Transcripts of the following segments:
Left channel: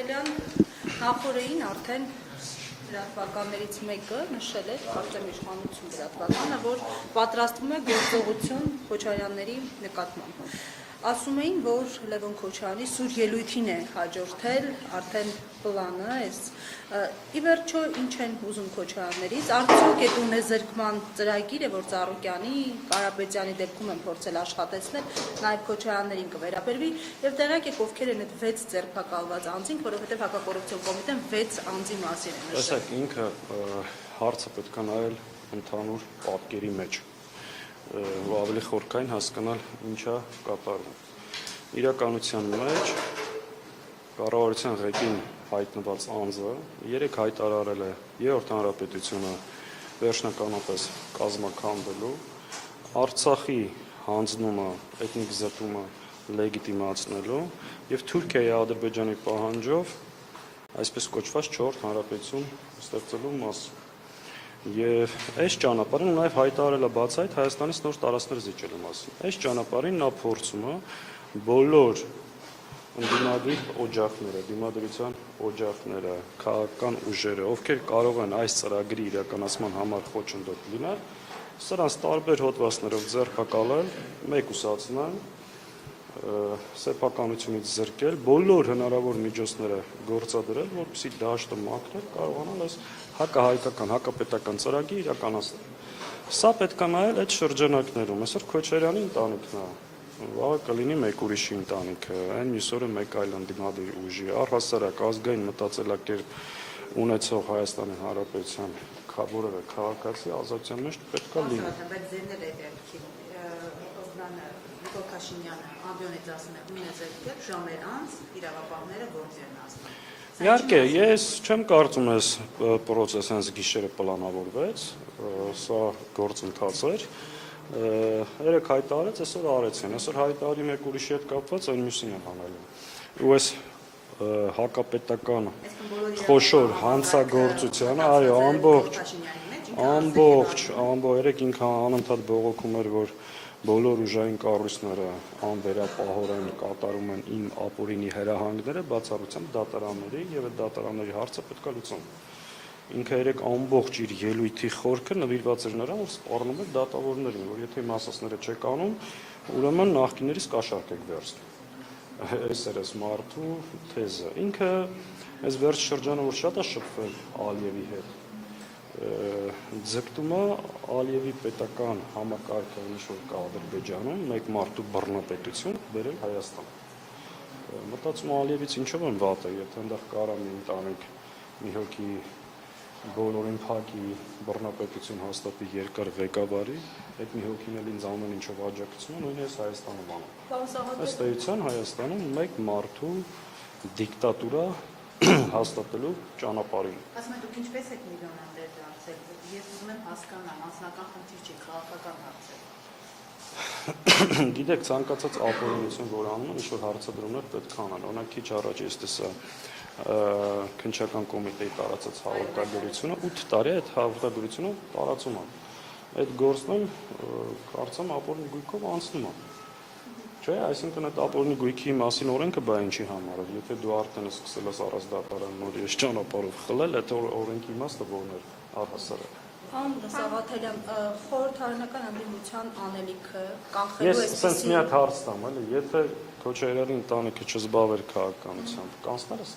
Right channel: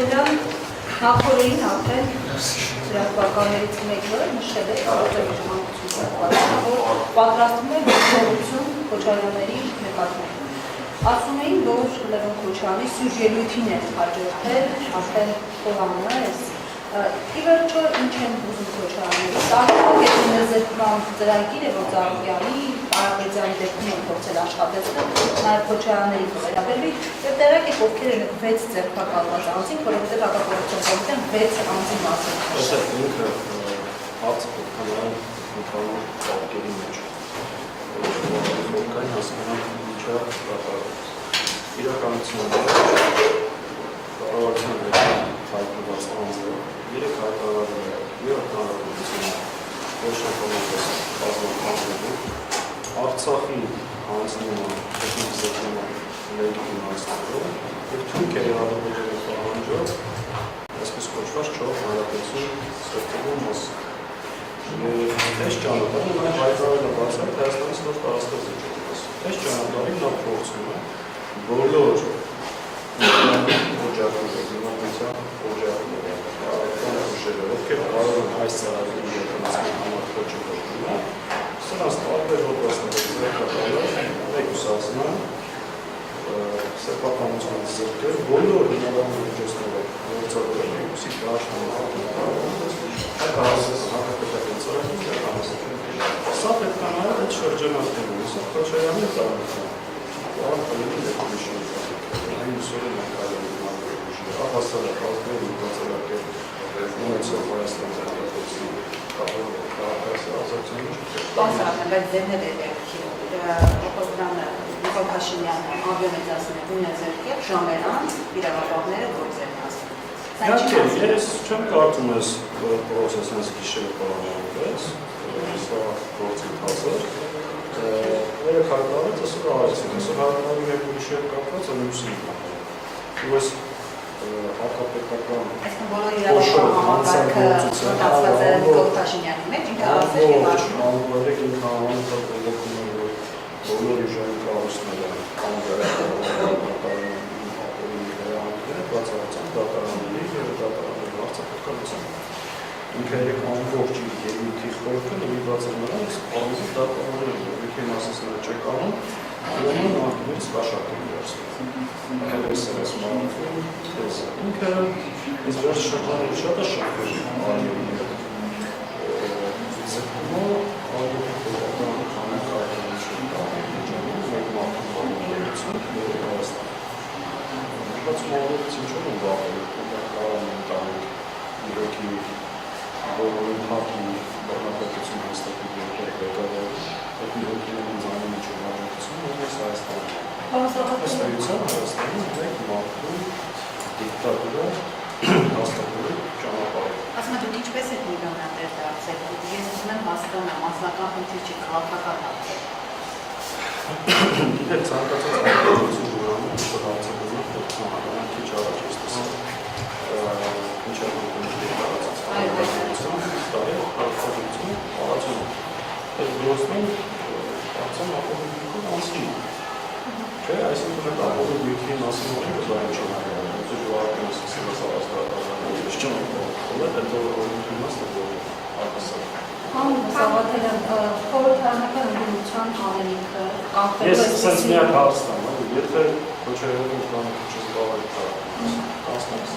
Սաղաթելյան նախորդին արդեն ծրագրականներից մեկը նշել է որ պատրաստվում է գործողություն Քոչարյանների նկատմամբ։ Ասում էին, որ Լևոն Քոչարյանի սյուր ելույթին է հաջորդել արդեն Պոլանը էս։ Ի վերջո ինչ են ուզում Քոչարյաններից, արդյոք այդ նզրկման ծրագիրը, որ Ծառուկյանի Արաբեջյանի դեպքում են փորձել աշխատեցնել, նաև Քոչարյանների վերաբերվի, եւ տեղակ եք ովքեր են 6 ձերբակալված անձին, որովհետեւ հակապարտության կոմիտեն 6 անձի մասին նշել։ Ինքը հարցը պետք է նայել ընդհանուր պատկերի մեջ, որ խորքային հասկանալ ինչա կատարվում։ Իրականության մեջ կառավարության հայտնված անձը 3 հայտարարել է Երրորդ հանրապետությունը վերջնականապես կազմակերպելու Արցախի հանձնումը էթնիկ զրկումը լեգիտիմացնելու եւ Թուրքիայի Ադրբեջանի պահանջով այսպես կոչված 4 հանրապետություն ստեղծելու մասին։ Եվ այս ճանապարհին նա հայտարարել է բացառիկ Հայաստանի նոր տարածքներ զիջելու մասին։ Այս ճանապարհին նա փորձում է բոլոր օջախները, քաղաքական ուժերը, ովքեր կարող են այս ծրագրի իրականացման համար խոչընդոտ լինել, սրանց տարբեր հոդվածներով ձեռնարկել, մեկուսացնել, սեփականությունից զրկել, բոլոր հնարավոր միջոցներով գործադրել, որպեսզի դաշտում հակահայկական, հակապետական ծրագիր իրականացնել։ Սա պետք է նայել այդ շրջանակներում, այսօր Քոչարյանի ընտանիքը, կարող լինի մեկ ուրիշի ընտանիքը, մյուսօրը մեկ այլ ընդդիմադիր ուժի, առհասարակ ազգային մտածելակերպ ունեցող Հայաստանի Հանրապետություն կապորվող քաղաքացի ազատության մեջ Բացառական, բայց ձերներ է Նիկոլ Փաշինյանը ամբիոմեծասն է նույնը ձերքի ժամերան իրավապահները գործերն ասում։ Իհարկե, ես չեմ կարծում ես պրոցես հենց գիշերը պլանավորվեց, սա գործընթաց էր, 3 հայտարարեց, այսօր արեցին, այսօր հայտարարի մեկ ուրիշի հետ կապված է մյուսին հանել։ Ու այս հակապետական խոշոր հանցագործությանը ամբողջ ինքը անընդհատ բողոքում էր, որ բոլոր ուժային կառույցները անվերապահորեն իմ ապօրինի հրահանգները բացառությամբ դատարանների եւ դատարանների հարցը պետք է լուծեն։ Ինքը երեք ամբողջ իր ելույթի խորքը նվիրված է նրանց կանոնի դատավորներին, ովքեր մասնասները չեք անում, ուրեմն նախկիներից կաշառքին վերցնում։ Այս մանուկում թեզը։ Ինքը այս վերջ շրջանում շատ է շփվել Արիևի հետ։ Ձգտումը Արիևի պետական համակարգություն Ադրբեջանում մեկ մարդու կողմնակցություն դեպի Հայաստան։ Բացում Արիևից ինչու են վախենում, որ կարող են տանք իրոքի բոլորին հակի բռնապետություն հաստատել երկեր ղեկավարի, այդ իրոքիներին ձայնի միջով հաջողություն ունես Հայաստանում։ Ըստեյության Հայաստանում մեկ մարդու դիկտատուրա հաստատելու ճանապարհը։ Ասում եք, դուք ինչպես եք միլիոնատեր դարձել։ Ես ուզում եմ հասկանալ, մասնական խնդիր չի, քաղաքական հարցեր։ Գիտեք, ցանկացած արտադրություն ուրանում, որ հարցադրումը պետք է անհատական քիչ առաջ ես տեսել։ Քնչական կոմիտեի տարածած հարցադրությունը, տարի այդ հարցադրությունը տարածում է։ Այդ գործում կարծեմ ապօրինի անցնում է։ Չէ, այսինքն այդ ապօրինի գույքի մասին օրենքը դա ինչ է հանդիպում, որտեղ ժողովրդը սկսել է սարսափել, ճանապարհը, հետո օրենքի մասը արտասար։ Սաղաթելյան, խորհրդարանական ընդդիմության անելիքը կանխելու Ես սենց միակ հարց տամ, եթե Քոչարյանի ընտանիքը չզբաղվի քաղաքականությամբ, կանցնելս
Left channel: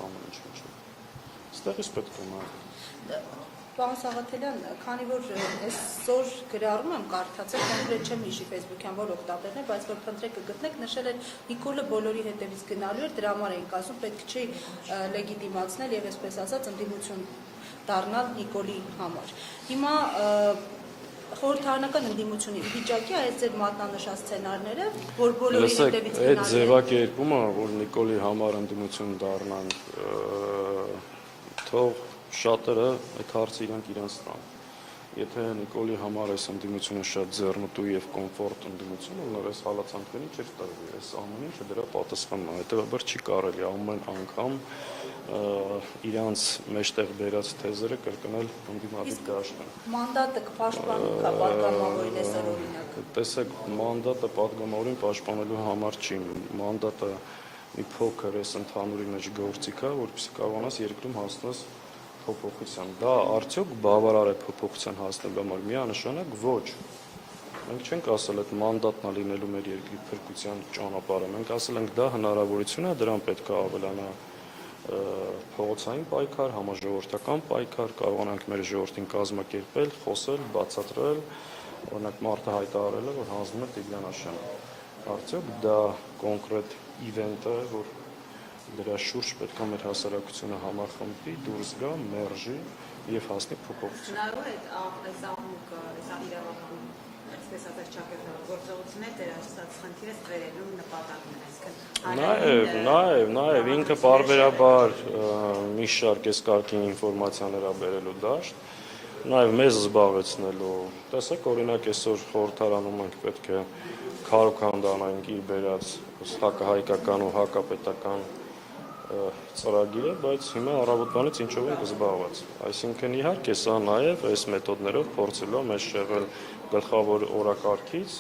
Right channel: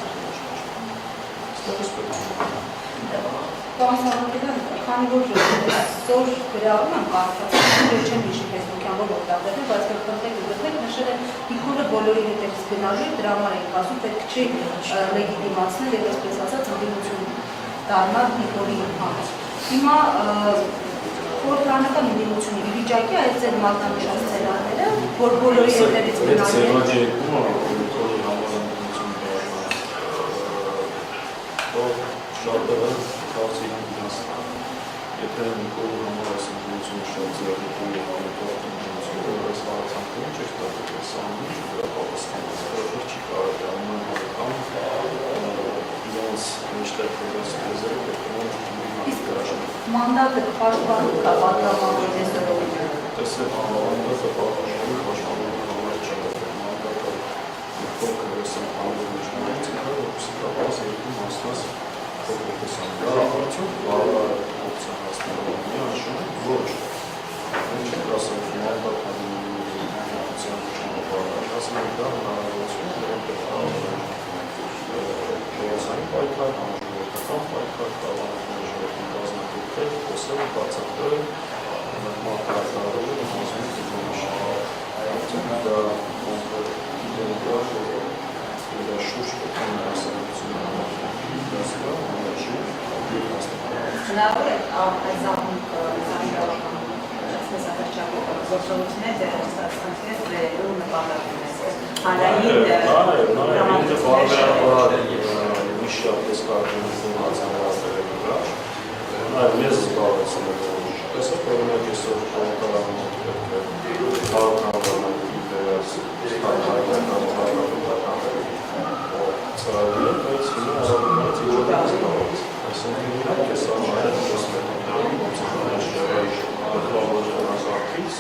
ստեղից պետք է։ Պարոն Սաղաթելյան, քանի որ այսօր գրառում եմ կարծրացել, որ չեմ հիշի Facebook-յան որ օգտագործել, բայց գտնեք նշել են Նիկոլը բոլորի հետևից գնալու է, դրա համար ենք ասում, պետք չի լեգիտիմացնել եւ այսպես ասած ընդդիմություն դառնալ Նիկոլի համար։ Հիմա խորհրդարանական ընդդիմությունը ի վիճակի է այս ձեր մատնանշած սցենարները, որ բոլորի հետևից գնալու է։ Այդ ձևակերպումը Նիկոլի համար ընդդիմություն դառնալ, շատերը կարծի իրենք իրենց եթե Նիկոլի համար այս ընդդիմությունը շատ ձեռնտու և կոմֆորտ ընդդիմություն, որ այս հարցանքները չեք տարվել, այս ամենին դրա պատասխանում, հետևաբար չի կարելի ամեն անգամ իրենց մեջտեղ վերած թեզերը պետք է Մանդատը պաշտպանում կա պատգամավորի տեսարանը։ Տեսեք, մանդատը պաշտպանելու համար չի, մանդատը փոքր սննդի գործիքը, որպեսզի կարողանաս երկու հասնած փոքր տեսան։ Դա արդյոք բարոյական փոփոխության հասնելու միանշան է, ոչ։ Չենք ասում մանդատն ունի փոփոխության ճանապարհներ, ասում ենք դա հնարավորություն է, դրան պետք է ավելանա փոխանցային պայքար, համաժողովրդական պայքար, կարողանանք մեր ժողովրդին կազմակերպել, խոսել, բացատրել, մարտահայտարարել եւ համոզել դիմաշ։ Արդյոք դա կոնկրետ դեպքեր դրա շուրջ պետք է հասարակությունը համախոհի, դասկա, համաշխի եւ հաստատել։ Հնարավոր է այդ զանգվածական գործողությունները ստացանքներ վերելու նպատակներ։ Նաև ինքը բարբերաբար մի շատ կեսկարգին ինֆորմացիա վերաբերելու դաշ, նաև մեզ զբաղեցնելու տեսեք, օրինակ այսօր կողմտարանում պետք է քաղաքականների վերած հայկական ու հակապետական ծրագրեր, բայց հիմա հավաքականից ինչ-որ է զբաղված։ Այսինքն իհարկե սա նաև այս մեթոդներով գործել է շեղել գլխավոր օրակարգից,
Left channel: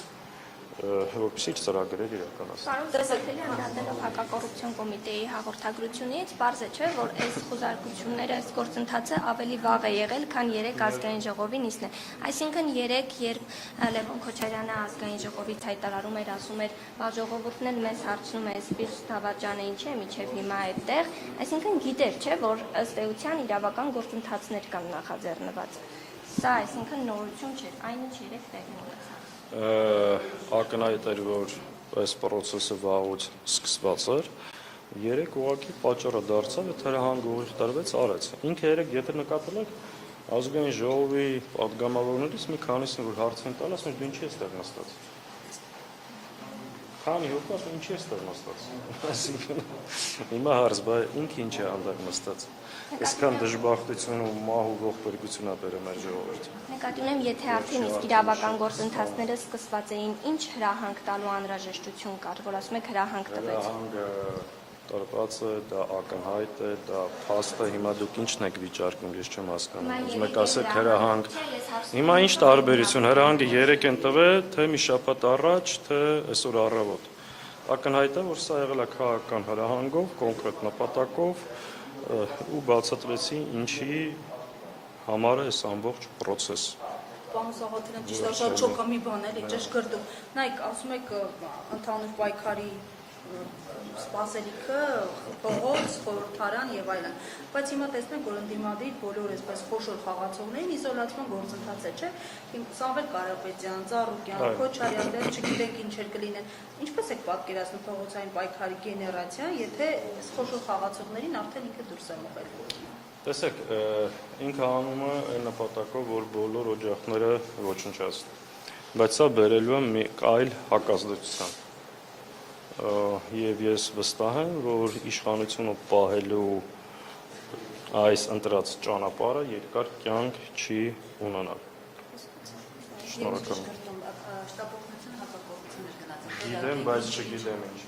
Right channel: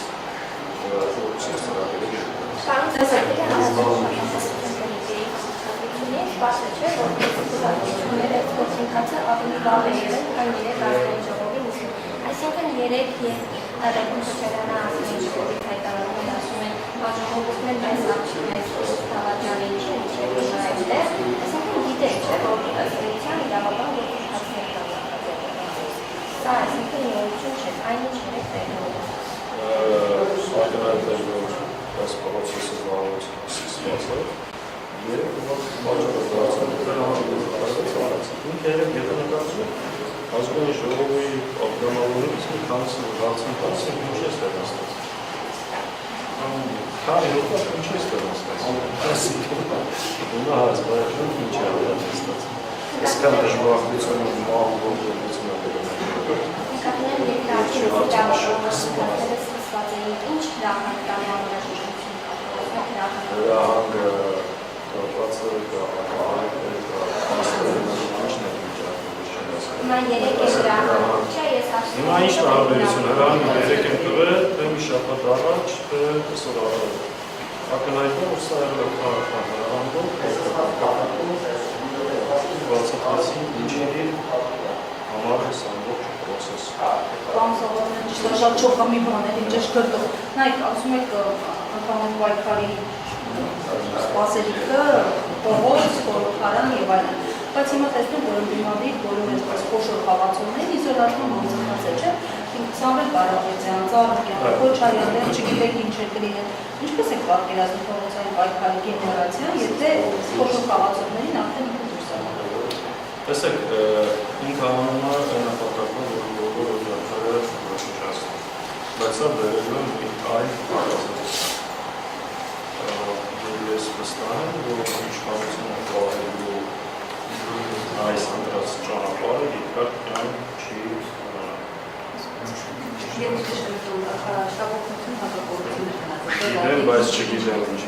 որպեսզի ծրագրերը երկրորդ։ Պարոն Զազակելյան, համակարգությունների պարզը չէ, որ կուսակցությունները գործընթացը ավելի վաղ է եղել, քան 3 ազգային ժողովի նիստը։ Այսինքն 3 երբ Լևոն Քոչարյանը ազգային ժողովից հայտարարում էր, ասում են, ժողովուրդն էլ այս ակցիան այս Դավաճանի ինչ հիմա այդտեղ, այսինքն գիտեք, չէ, որ ըստ էության իրավական գործընթացներ կան նախաձեռնված։ Սա այսինքն նորություն չէ, այն ինչ երեք տեղում ակնհայտել, որ այս պրոցեսը վարված սկսված է, երեք պատճառը դարձել, թե համագործակցությունից արեցին։ Ինքը երեք եթե նկատել ազգային ժողովի ակնհայտությունից մի քանիսը դարձին դարձին ինչ է ստեղծված։ Քանի ինչ է ստեղծված։ Հիմա հարցբայրում ինչ է ստեղծված։ Իսկան դժբախտությունը մահու գործունեությունը վերաբերում։ Նկատում եթե արդյունք իրավապաշտպանները սկսված էին, ինչ հրահանգ տալի անհրաժեշտություն կարգավորում հրահանգը կապված է ակահայտ է, աստղերնալու ինչն եք վիճարկում, ես չեմ հասկանում։ Հիմա ինչ տարբերություն, հրահանգը 3 են տվել, թե մի շաբաթ առաջ, թե այսօր առավոտ։ Ակնհայտում որ սա եղել է քաղաքական հրահանգով, պատակով, բացատրեցին ինչի համար է սա ամբողջ պրոցես։ Պարոն Սողոմյան, ճիշտ է, շատ չոխամի բան է, ճշգրտով։ Նայեք, ասում եք ընդհանուր պայքարի սպասելիքը, փողոց, խորհրդարան եւ այլն։ Բայց հիմա տեսնում որ ընդդիմադիր բոլոր այսպես խոշոր խաղացողներին իզոլացնում գործընթաց է, չէ՞։ Սամվել Կարապետյան, Ծառուկյան, Քոչարյան, չգիտեք ինչ է կլինել։ Ինչպես եք պատկերացնում փողոցային պայքարի գեներացիան, եթե խոշոր խաղացողներին արդեն դուրս է մղել։ Տեսեք, ինքը անում է նպատակով, որ բոլոր օջախները ոչնչացնեն։ Բայց սա բերելու է մի այլ հակազդեցություն։ Եվ ես վստահ եմ, որ իշխանությունը պահելու այս ընտրած ճանապարհը երկար կյանք չի ունենա։ Եթե դժգոհություն, շտապօգնություն հակակորձություններ գնացել։ Բայց չգիտեմ ինչ